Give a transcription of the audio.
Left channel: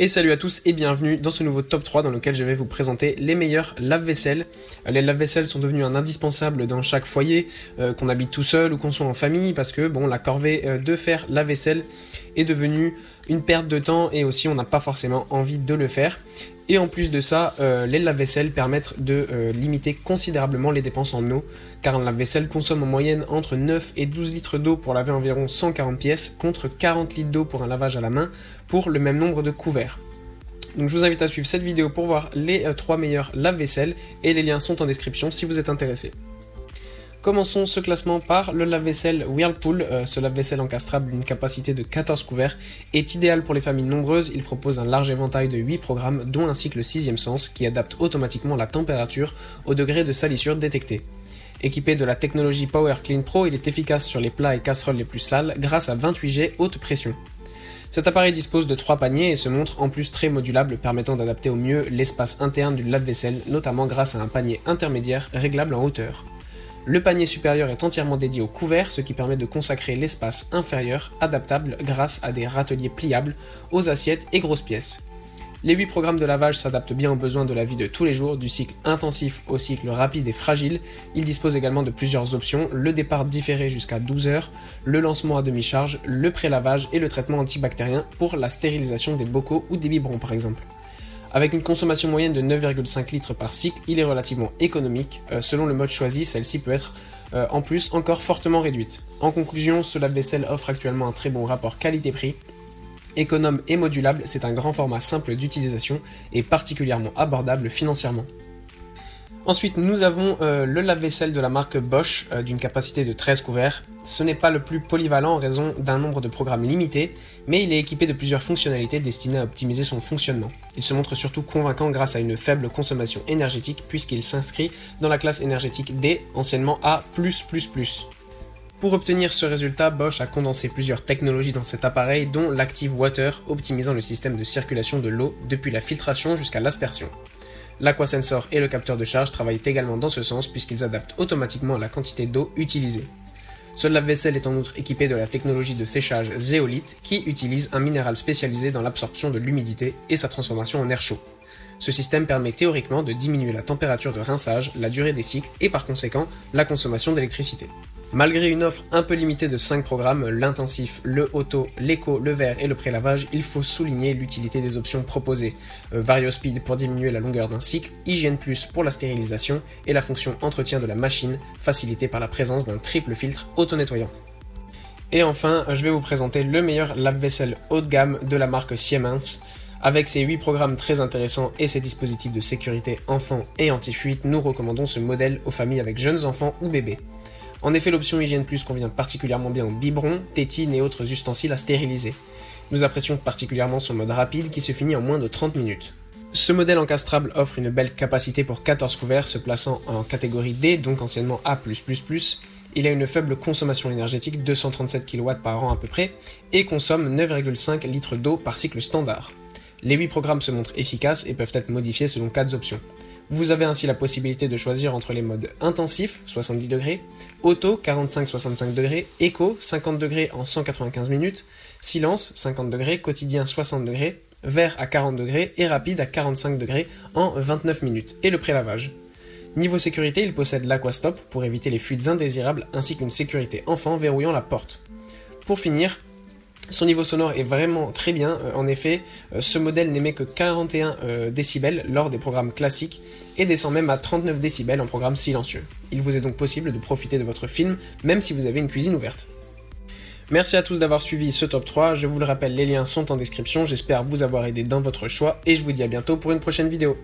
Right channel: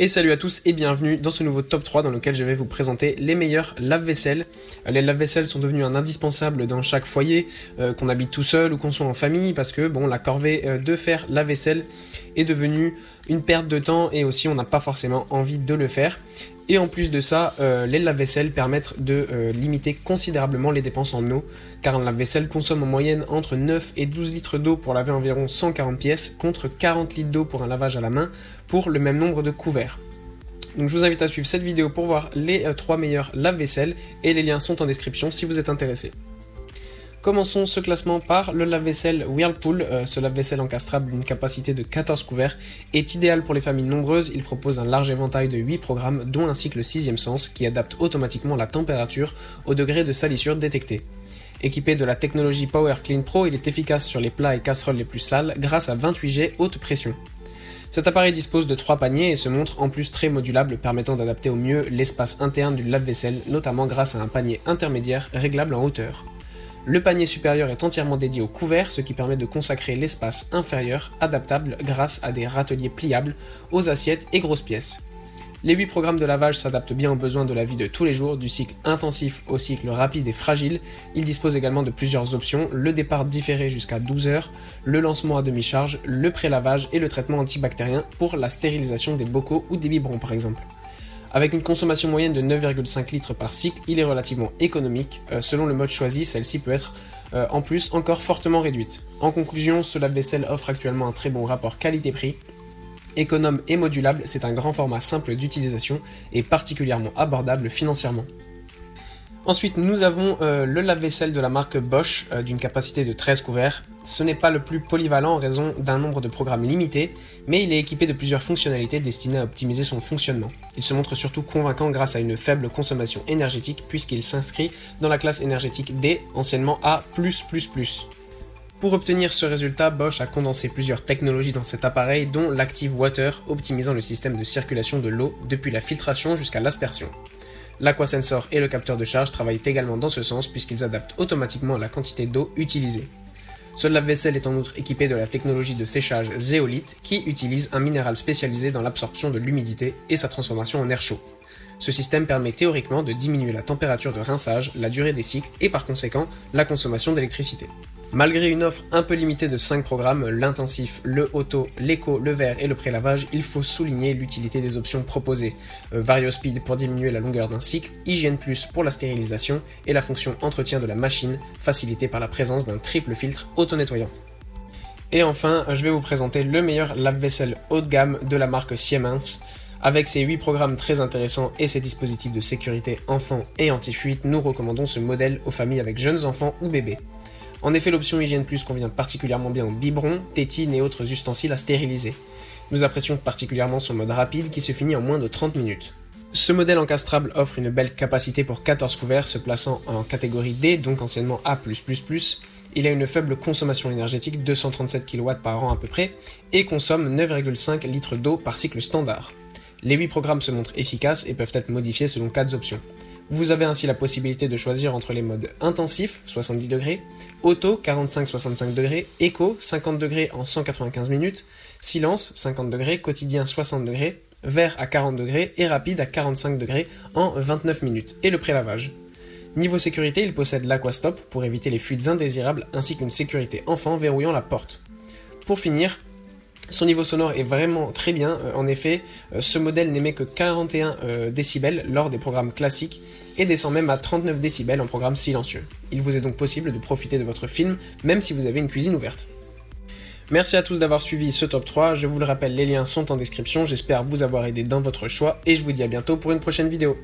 Et salut à tous et bienvenue dans ce nouveau top 3 dans lequel je vais vous présenter les meilleurs lave-vaisselle. Les lave-vaisselle sont devenus un indispensable dans chaque foyer, qu'on habite tout seul ou qu'on soit en famille, parce que bon, la corvée de faire la vaisselle est devenue une perte de temps et aussi on n'a pas forcément envie de le faire. Et en plus de ça, les lave-vaisselle permettent de limiter considérablement les dépenses en eau, car un lave-vaisselle consomme en moyenne entre 9 et 12 litres d'eau pour laver environ 140 pièces, contre 40 litres d'eau pour un lavage à la main, pour le même nombre de couverts. Donc je vous invite à suivre cette vidéo pour voir les 3 meilleurs lave-vaisselle, et les liens sont en description si vous êtes intéressé. Commençons ce classement par le lave-vaisselle Whirlpool. Ce lave-vaisselle encastrable d'une capacité de 14 couverts est idéal pour les familles nombreuses. Il propose un large éventail de 8 programmes, dont ainsi que le 6e sens qui adapte automatiquement la température au degré de salissure détecté. Équipé de la technologie Power Clean Pro, il est efficace sur les plats et casseroles les plus sales grâce à 28G haute pression. Cet appareil dispose de 3 paniers et se montre en plus très modulable, permettant d'adapter au mieux l'espace interne du lave-vaisselle, notamment grâce à un panier intermédiaire réglable en hauteur. Le panier supérieur est entièrement dédié au couvert, ce qui permet de consacrer l'espace inférieur, adaptable grâce à des râteliers pliables, aux assiettes et grosses pièces. Les 8 programmes de lavage s'adaptent bien aux besoins de la vie de tous les jours, du cycle intensif au cycle rapide et fragile. Il dispose également de plusieurs options, le départ différé jusqu'à 12 heures, le lancement à demi-charge, le pré-lavage et le traitement antibactérien pour la stérilisation des bocaux ou des biberons par exemple. Avec une consommation moyenne de 9,5 litres par cycle, il est relativement économique. Selon le mode choisi, celle-ci peut être en plus encore fortement réduite. En conclusion, ce lave-vaisselle offre actuellement un très bon rapport qualité-prix. Économe et modulable, c'est un grand format simple d'utilisation et particulièrement abordable financièrement. Ensuite, nous avons le lave-vaisselle de la marque Bosch d'une capacité de 13 couverts. Ce n'est pas le plus polyvalent en raison d'un nombre de programmes limité, mais il est équipé de plusieurs fonctionnalités destinées à optimiser son fonctionnement. Il se montre surtout convaincant grâce à une faible consommation énergétique puisqu'il s'inscrit dans la classe énergétique D, anciennement A+++. Pour obtenir ce résultat, Bosch a condensé plusieurs technologies dans cet appareil, dont l'Active Water, optimisant le système de circulation de l'eau depuis la filtration jusqu'à l'aspersion. L'Aqua-Sensor et le capteur de charge travaillent également dans ce sens puisqu'ils adaptent automatiquement la quantité d'eau utilisée. Ce lave-vaisselle est en outre équipé de la technologie de séchage Zeolite qui utilise un minéral spécialisé dans l'absorption de l'humidité et sa transformation en air chaud. Ce système permet théoriquement de diminuer la température de rinçage, la durée des cycles et par conséquent la consommation d'électricité. Malgré une offre un peu limitée de 5 programmes, l'intensif, le auto, l'éco, le vert et le pré-lavage, il faut souligner l'utilité des options proposées. VarioSpeed pour diminuer la longueur d'un cycle, Hygiène Plus pour la stérilisation et la fonction entretien de la machine, facilitée par la présence d'un triple filtre auto-nettoyant. Et enfin, je vais vous présenter le meilleur lave-vaisselle haut de gamme de la marque Siemens. Avec ses 8 programmes très intéressants et ses dispositifs de sécurité enfants et anti-fuite, nous recommandons ce modèle aux familles avec jeunes enfants ou bébés. En effet, l'option Hygiène Plus convient particulièrement bien aux biberons, tétines et autres ustensiles à stériliser. Nous apprécions particulièrement son mode rapide qui se finit en moins de 30 minutes. Ce modèle encastrable offre une belle capacité pour 14 couverts se plaçant en catégorie D, donc anciennement A+++. Il a une faible consommation énergétique, 237 kW par an à peu près, et consomme 9,5 litres d'eau par cycle standard. Les 8 programmes se montrent efficaces et peuvent être modifiés selon 4 options. Vous avez ainsi la possibilité de choisir entre les modes intensif, 70 degrés, auto, 45-65 degrés, éco, 50 degrés en 195 minutes, silence, 50 degrés, quotidien, 60 degrés, vert à 40 degrés et rapide à 45 degrés en 29 minutes, et le pré-lavage. Niveau sécurité, il possède l'Aqua-Stop pour éviter les fuites indésirables ainsi qu'une sécurité enfant verrouillant la porte. Pour finir, son niveau sonore est vraiment très bien. En effet, ce modèle n'émet que 41 décibels lors des programmes classiques et descend même à 39 décibels en programme silencieux. Il vous est donc possible de profiter de votre film même si vous avez une cuisine ouverte. Merci à tous d'avoir suivi ce top 3. Je vous le rappelle, les liens sont en description. J'espère vous avoir aidé dans votre choix et je vous dis à bientôt pour une prochaine vidéo.